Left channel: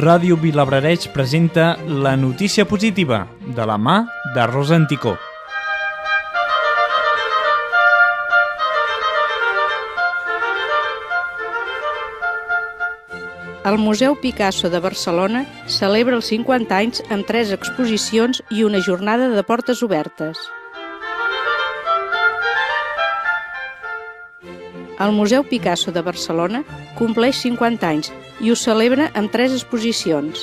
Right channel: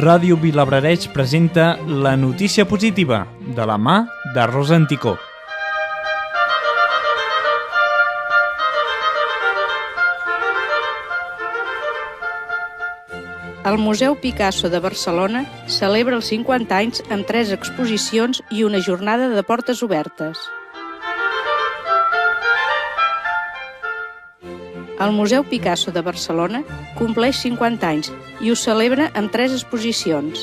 Ràdio Vilablareix presenta la notícia positiva de la mà de Rosa Anticó. El Museu Picasso de Barcelona celebra els 50 anys amb 3 exposicions i una jornada de portes obertes. El Museu Picasso de Barcelona compleix 50 anys i ho celebra amb 3 exposicions.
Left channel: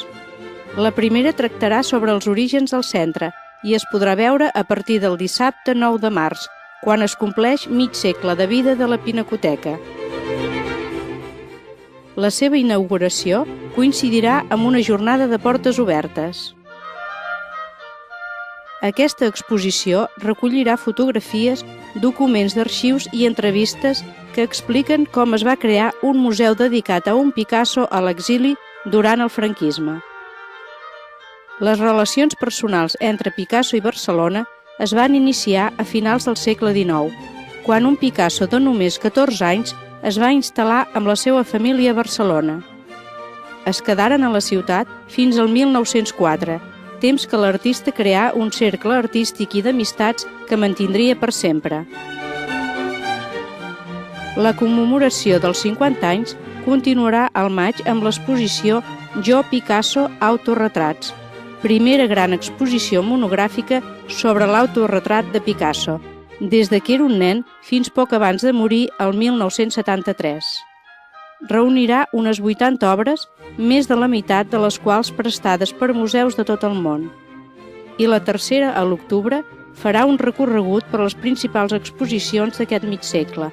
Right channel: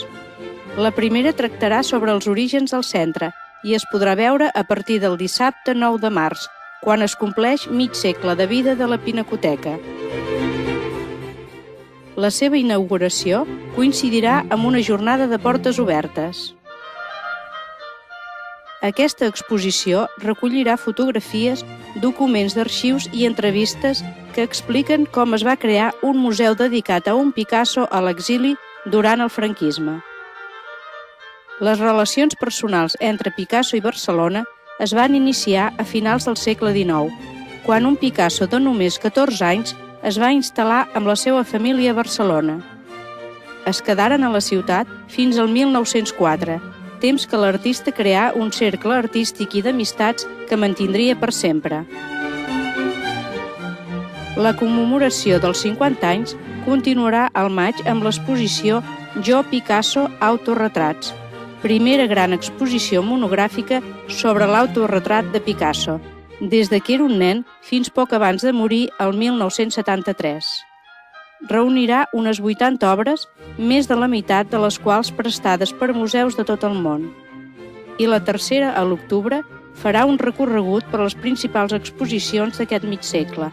La primera tractarà sobre els orígens del centre i es podrà veure a partir del dissabte 9 de març, quan es compleix mig segle de vida de la Pinacoteca. La seva inauguració coincidirà amb una jornada de portes obertes. Aquesta exposició recollirà fotografies, documents d'arxius i entrevistes que expliquen com es va crear un museu dedicat a un Picasso a l'exili durant el franquisme. Les relacions personals entre Picasso i Barcelona es van iniciar a finals del segle XIX, quan un Picasso de només 14 anys es va instal·lar amb la seva família a Barcelona. Es quedaren a la ciutat fins al 1904, temps que l'artista creà un cercle artístic i d'amistats que mantindria per sempre. La commemoració dels 50 anys continuarà al maig amb l'exposició Jo Picasso Autoretrats, primera gran exposició monogràfica sobre l'autoretrat de Picasso, des que era un nen fins poc abans de morir el 1973. Reunirà unes 80 obres, més de la meitat de les quals prestades per museus de tot el món. I la tercera, a l'octubre, farà un recorregut per les principals exposicions d'aquest mig segle.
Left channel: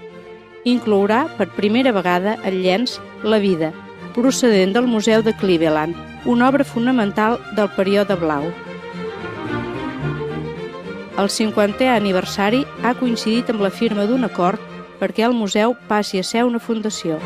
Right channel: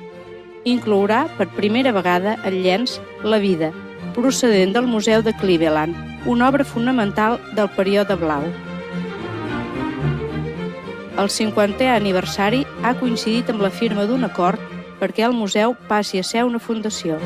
Inclourà per primera vegada el llenç La vida, procedent del Museu de Cleveland, una obra fonamental del període blau. El 50è aniversari ha coincidit amb la firma d'un acord perquè el museu passi a ser una fundació.